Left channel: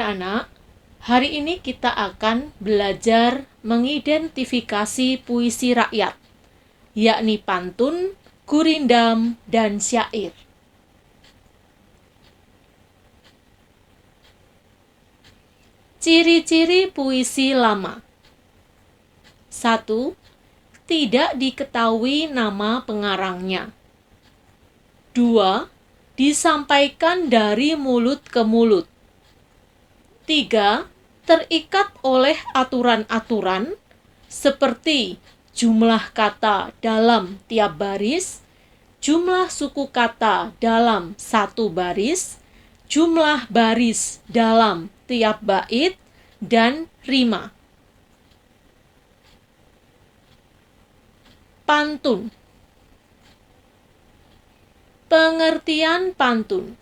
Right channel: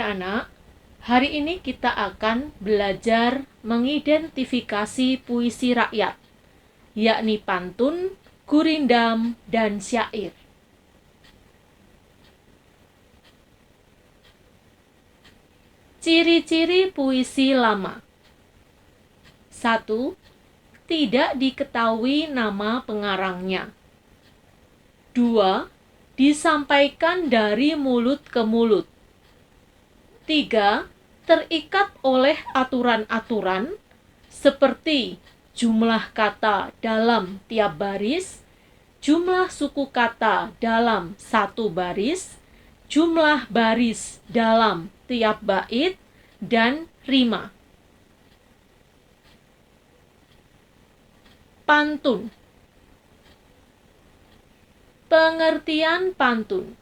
anak-anak, hari ini kita akan belajar mengidentifikasi puisi rakyat, yakni pantun, gurindam, dan syair. Ciri-ciri puisi lama. 1. Tidak diketahui nama pengarangnya. 2. Disampaikan dari mulut ke mulut. 3. Terikat oleh aturan-aturan seperti jumlah kata dalam tiap baris, jumlah suku kata dalam satu baris, jumlah baris dalam tiap bait, dan rima. Pantun. Pengertian pantun.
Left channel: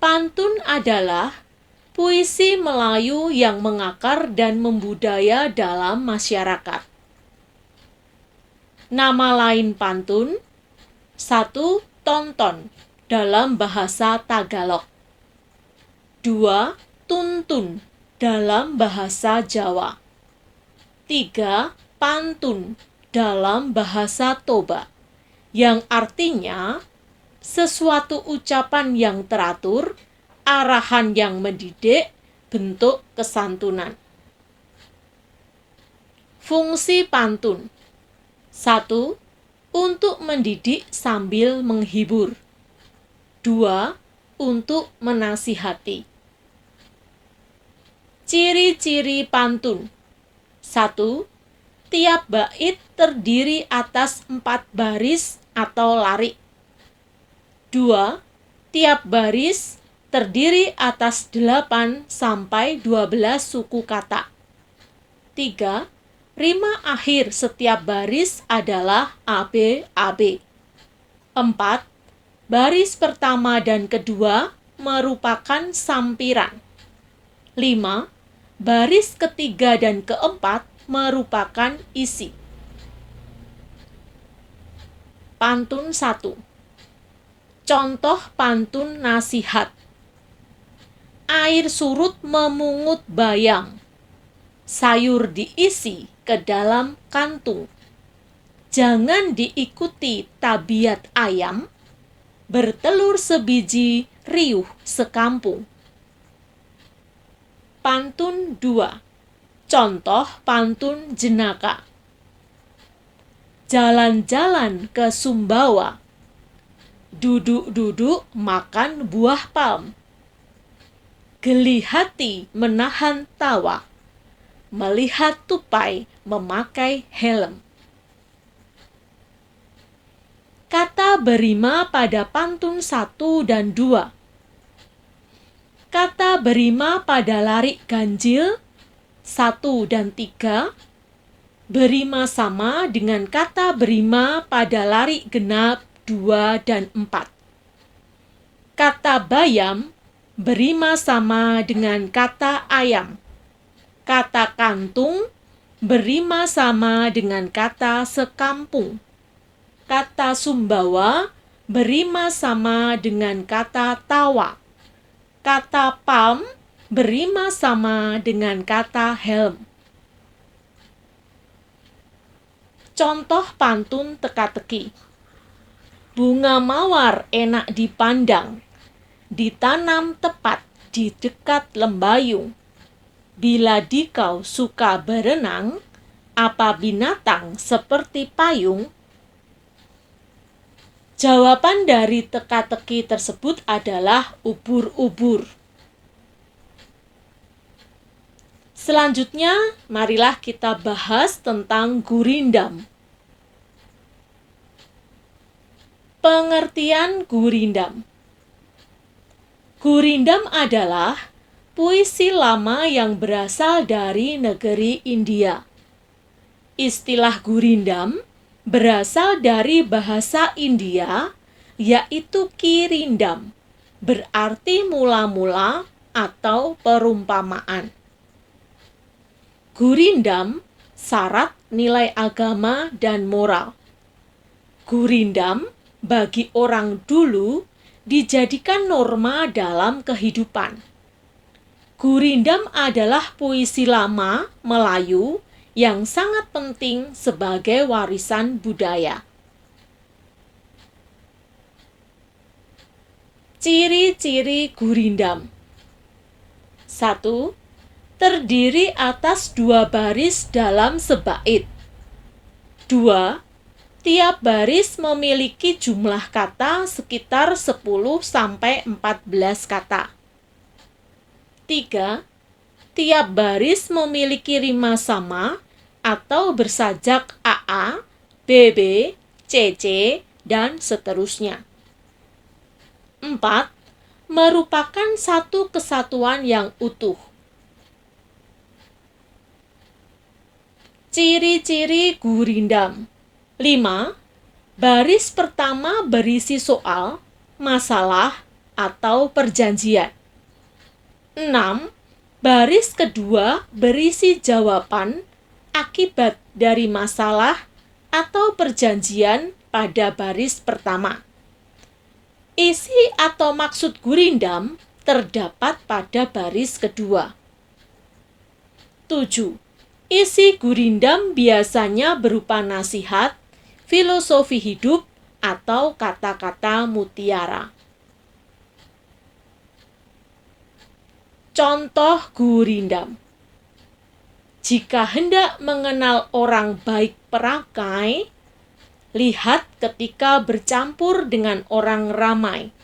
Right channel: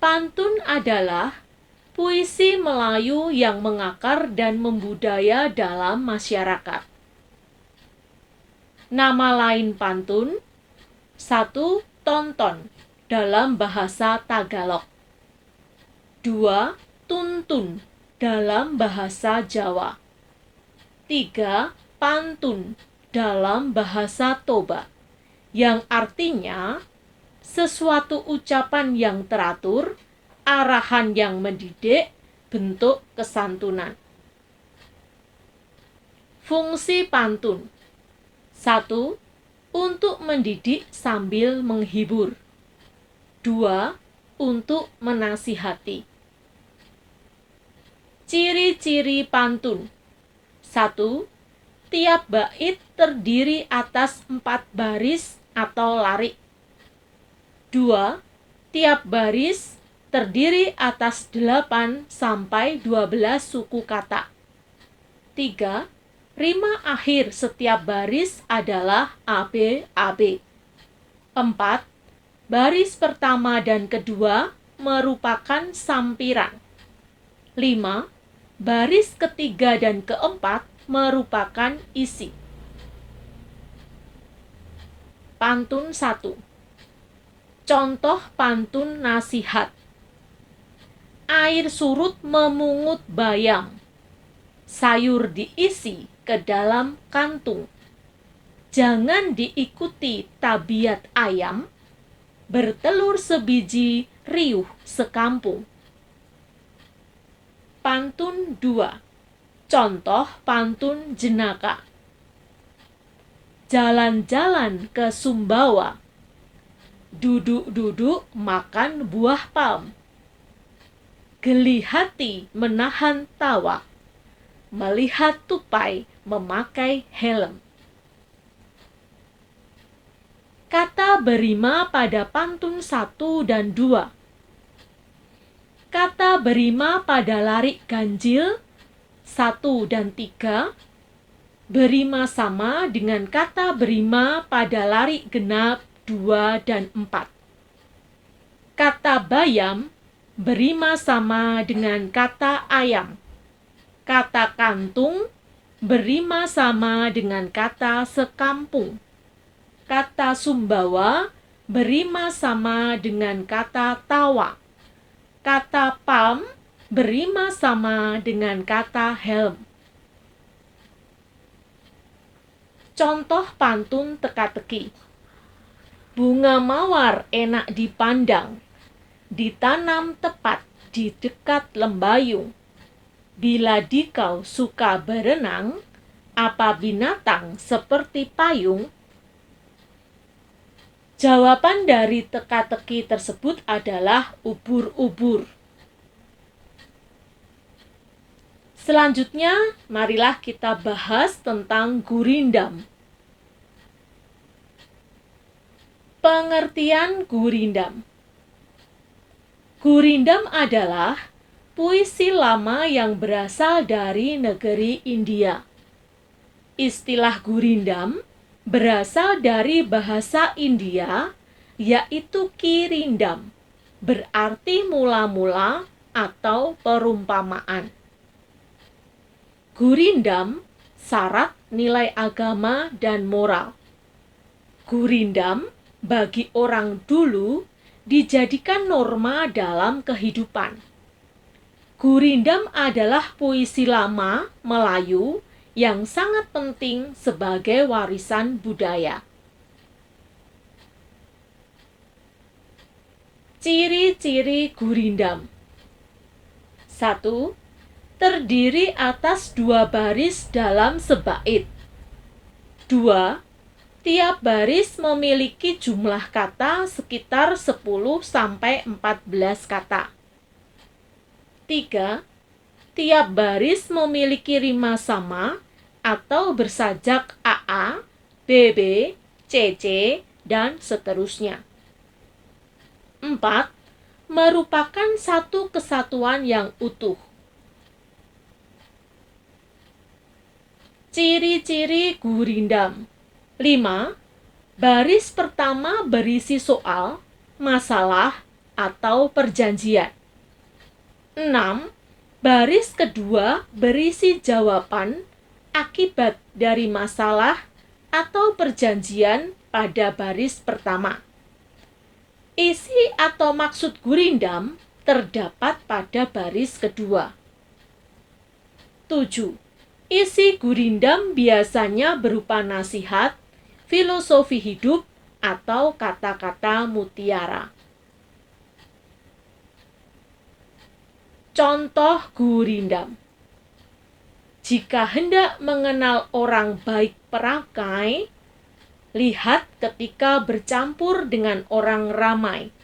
Pantun adalah puisi Melayu yang mengakar dan membudaya dalam masyarakat. Nama lain pantun: 1. Tonton dalam bahasa Tagalog. 2. Tuntun dalam bahasa Jawa. 3. Pantun dalam bahasa Toba, yang artinya sesuatu ucapan yang teratur, arahan yang mendidik, bentuk kesantunan. Fungsi pantun: 1. Untuk mendidik sambil menghibur. 2. Untuk menasihati. Ciri-ciri pantun: 1. Tiap bait terdiri atas 4 baris atau larik. 2. Tiap baris terdiri atas 8 sampai 12 suku kata. 3. Rima akhir setiap baris adalah AB-AB. 4. Baris pertama dan kedua merupakan sampiran. 5. Baris ketiga dan keempat merupakan isi. Pantun 1. Contoh pantun nasihat. Air surut memungut bayam, sayur diisi ke dalam kantung. Jangan diikuti tabiat ayam, bertelur sebiji, riuh sekampung. Pantun 2. Contoh pantun jenaka. Jalan-jalan ke Sumbawa, duduk-duduk makan buah palm. Geli hati menahan tawa, melihat tupai memakai helm. Kata berima pada pantun 1 dan 2. Kata berima pada larik ganjil 1 dan 3 berima sama dengan kata berima pada larik genap 2 dan 4. Kata bayam berima sama dengan kata ayam. Kata kantung berima sama dengan kata sekampung. Kata Sumbawa berima sama dengan kata tawa. Kata palm berima sama dengan kata helm. Contoh pantun teka-teki. Bunga mawar enak dipandang, ditanam tepat di dekat lembayung. Bila dikau suka berenang, apa binatang seperti payung? Jawaban dari teka-teki tersebut adalah ubur-ubur. Selanjutnya, marilah kita bahas tentang gurindam. Pengertian gurindam. Gurindam adalah puisi lama yang berasal dari negeri India. Istilah gurindam berasal dari bahasa India, yaitu kirindam, berarti mula-mula atau perumpamaan. Gurindam syarat nilai agama dan moral. Gurindam bagi orang dulu dijadikan norma dalam kehidupan. Gurindam adalah puisi lama Melayu yang sangat penting sebagai warisan budaya. Ciri-ciri gurindam. 1. Terdiri atas 2 baris dalam sebait. 2. Tiap baris memiliki jumlah kata sekitar 10-14 kata. 3. Tiap baris memiliki rima sama atau bersajak AA, BB, CC, dan seterusnya. 4. Merupakan satu kesatuan yang utuh. Ciri-ciri gurindam. 5. Baris pertama berisi soal, masalah, atau perjanjian. 6. Baris kedua berisi jawaban akibat dari masalah atau perjanjian pada baris pertama. Isi atau maksud gurindam terdapat pada baris kedua. 7. Isi gurindam biasanya berupa nasihat, filosofi hidup, atau kata-kata mutiara. Contoh gurindam. Jika hendak mengenal orang baik perakai, lihat ketika bercampur dengan orang ramai.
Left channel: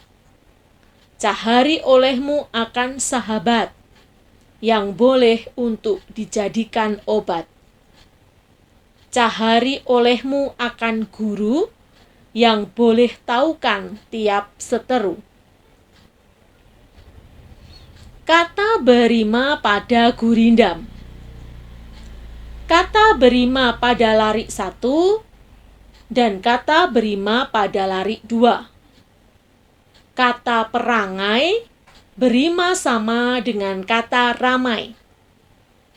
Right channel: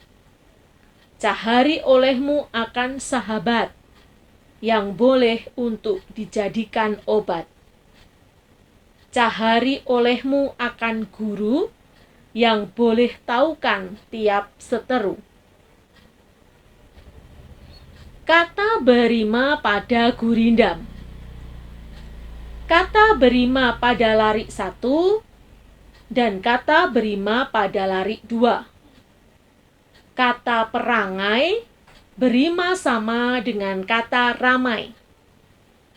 Cahari olehmu akan sahabat yang boleh untuk dijadikan obat. Cahari olehmu akan guru yang boleh taukan tiap seteru. Kata berima pada gurindam. Kata berima pada larik 1 dan kata berima pada larik 2. Kata perangai berima sama dengan kata ramai.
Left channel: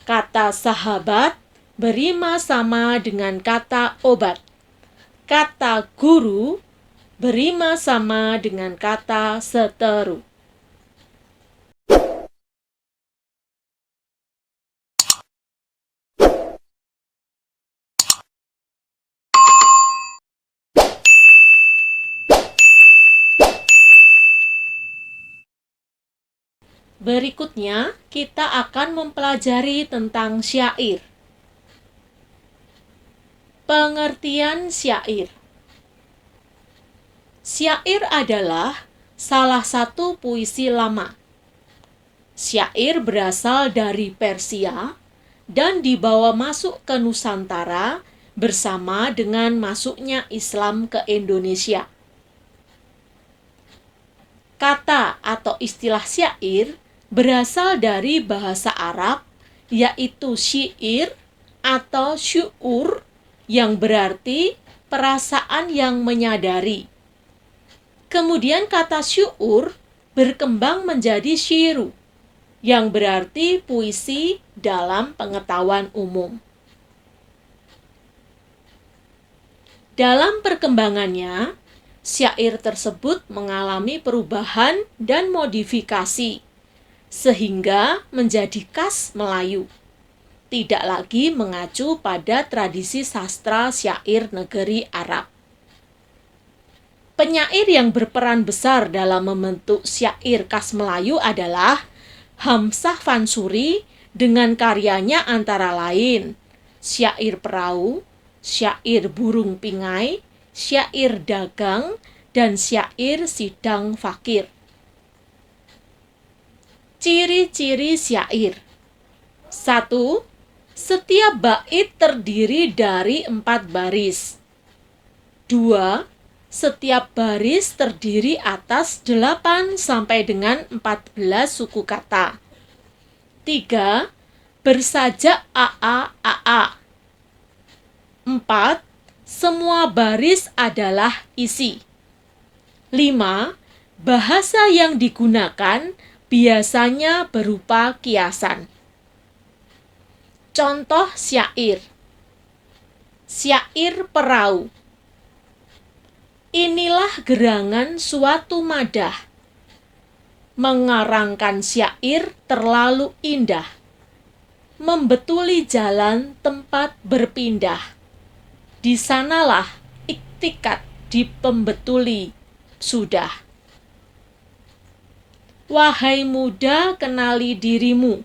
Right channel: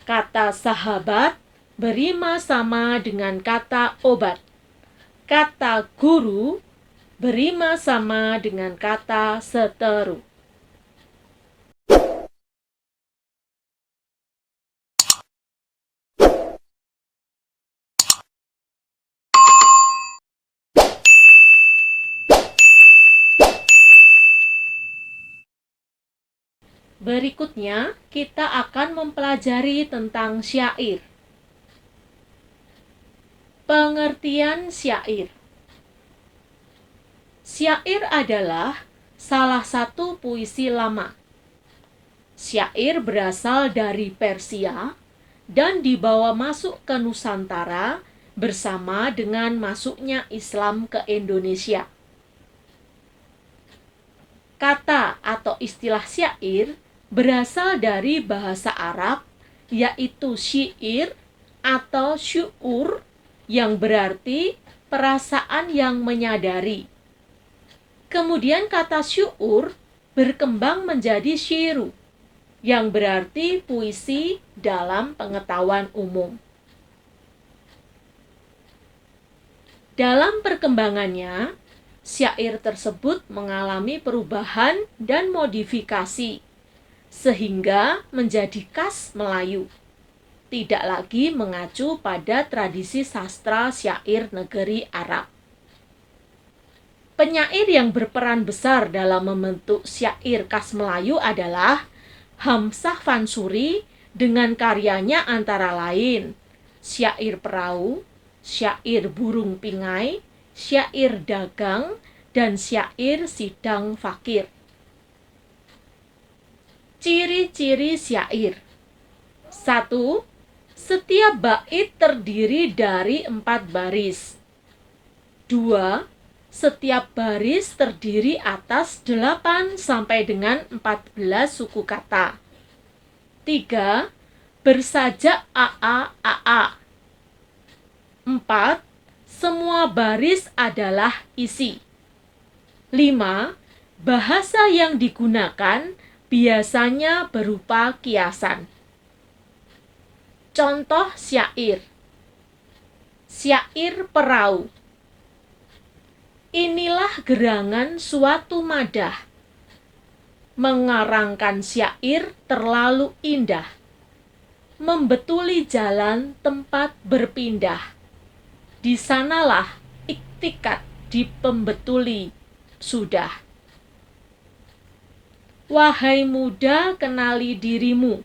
Kata sahabat berima sama dengan kata obat. Kata guru berima sama dengan kata seteru. Berikutnya, kita akan mempelajari tentang syair. Pengertian syair. Syair adalah salah satu puisi lama. Syair berasal dari Persia dan dibawa masuk ke Nusantara bersama dengan masuknya Islam ke Indonesia. Kata atau istilah syair berasal dari bahasa Arab, yaitu syair atau syu'ur, yang berarti perasaan yang menyadari. Kemudian kata syu'ur berkembang menjadi syiru, yang berarti puisi dalam pengetahuan umum. Dalam perkembangannya, syair tersebut mengalami perubahan dan modifikasi, sehingga menjadi khas Melayu. Tidak lagi mengacu pada tradisi sastra syair negeri Arab. Penyair yang berperan besar dalam membentuk syair khas Melayu adalah Hamzah Fansuri dengan karyanya antara lain Syair Perahu, Syair Burung Pingai, Syair Dagang, dan Syair Sidang Fakir. Ciri-ciri syair. 1. Setiap bait terdiri dari 4 baris. 2. Setiap baris terdiri atas 8 sampai dengan 14 suku kata. 3. Bersajak AA. 4. Semua baris adalah isi. 5. Bahasa yang digunakan biasanya berupa kiasan. Contoh syair. Syair Perahu. Inilah gerangan suatu madah. mengarangkan syair terlalu indah, membetuli jalan tempat berpindah. Di sanalah iktikat dipembetuli sudah. Wahai muda, kenali dirimu.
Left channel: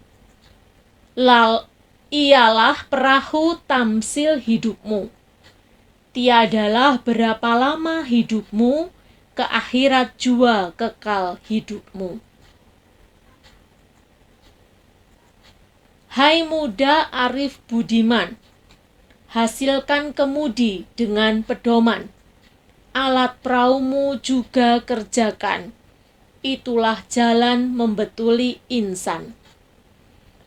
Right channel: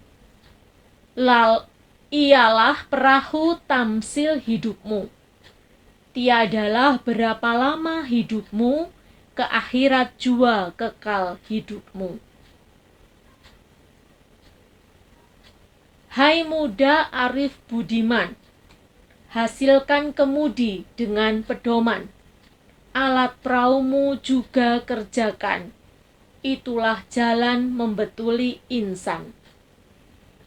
Ialah perahu tamsil hidupmu. Tiadalah berapa lama hidupmu, ke akhirat jua kekal hidupmu. Hai muda arif budiman, hasilkan kemudi dengan pedoman. Alat perahumu juga kerjakan, itulah jalan membetuli insan.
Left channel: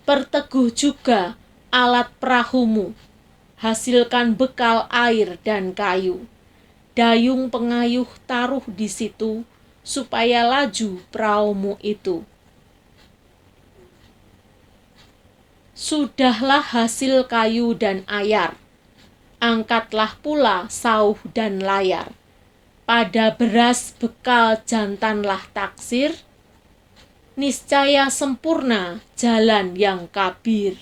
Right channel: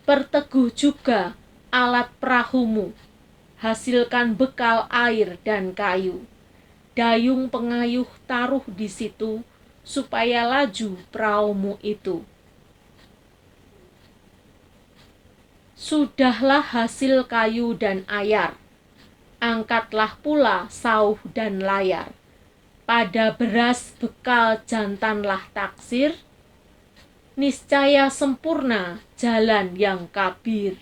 Perteguh juga alat perahumu, hasilkan bekal air dan kayu. Dayung pengayuh taruh di situ, supaya laju perahumu itu. Sudahlah hasil kayu dan ayar, angkatlah pula sauh dan layar. Pada beras bekal jantanlah taksir, niscaya sempurna jalan yang kabir.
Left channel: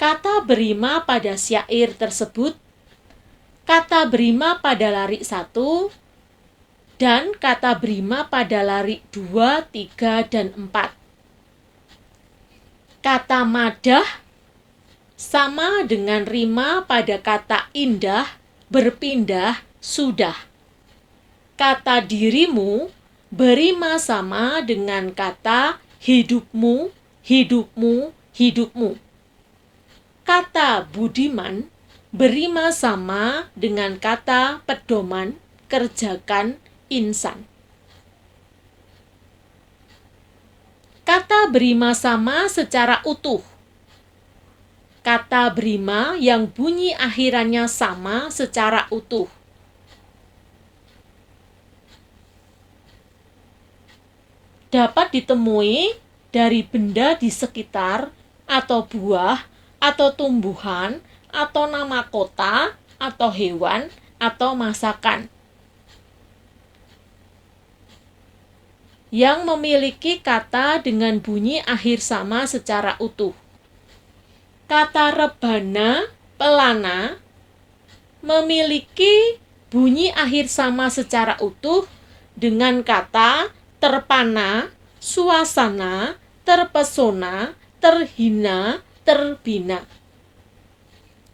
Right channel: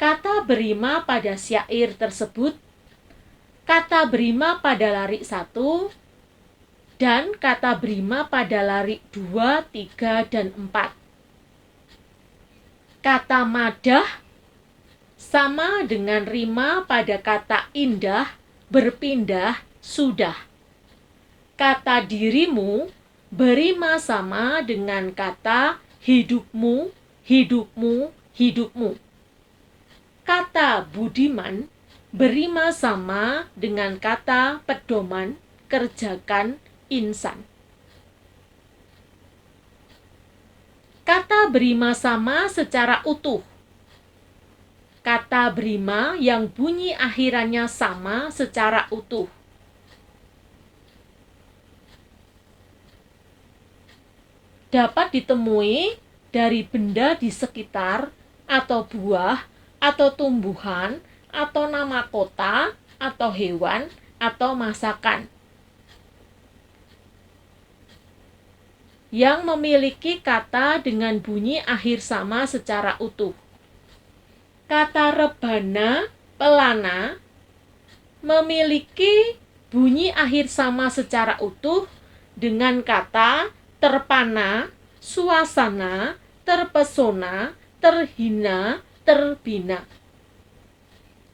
Kata berima pada syair tersebut, kata berima pada larik 1, dan kata berima pada larik 2, 3, dan 4. Kata madah sama dengan rima pada kata indah, berpindah, sudah. Kata dirimu berima sama dengan kata hidupmu, hidupmu, hidupmu. Kata budiman berima sama dengan kata pedoman, kerjakan, insan. Kata berima sama secara utuh. Kata berima yang bunyi akhirannya sama secara utuh. Dapat ditemui dari benda di sekitar, atau buah, atau tumbuhan, atau nama kota, atau hewan, atau masakan. Yang memiliki kata dengan bunyi akhir sama secara utuh. Kata rebana, pelana, memiliki bunyi akhir sama secara utuh dengan kata terpana, suasana, terpesona, terhina, terbina.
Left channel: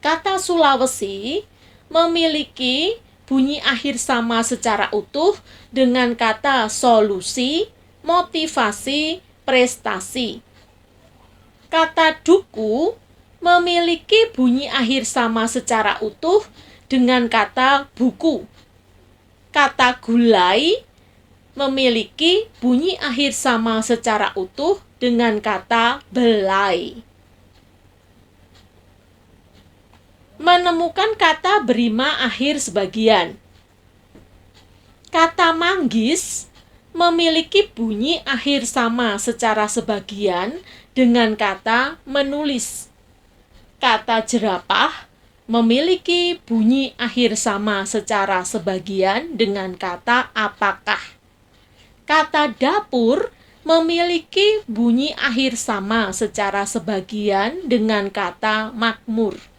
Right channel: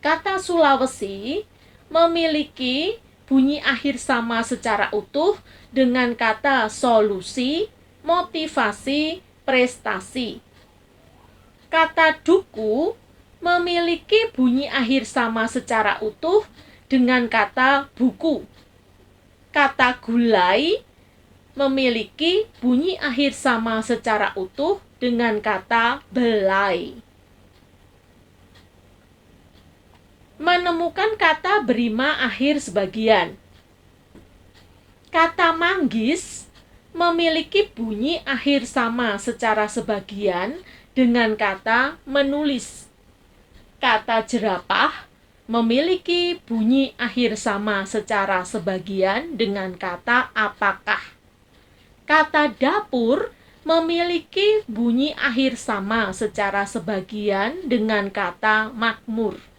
Kata Sulawesi memiliki bunyi akhir sama secara utuh dengan kata solusi, motivasi, prestasi. Kata duku memiliki bunyi akhir sama secara utuh dengan kata buku. Kata gulai memiliki bunyi akhir sama secara utuh dengan kata belai. Menemukan kata berima akhir sebagian. Kata manggis memiliki bunyi akhir sama secara sebagian dengan kata menulis. Kata jerapah memiliki bunyi akhir sama secara sebagian dengan kata apakah. Kata dapur memiliki bunyi akhir sama secara sebagian dengan kata makmur.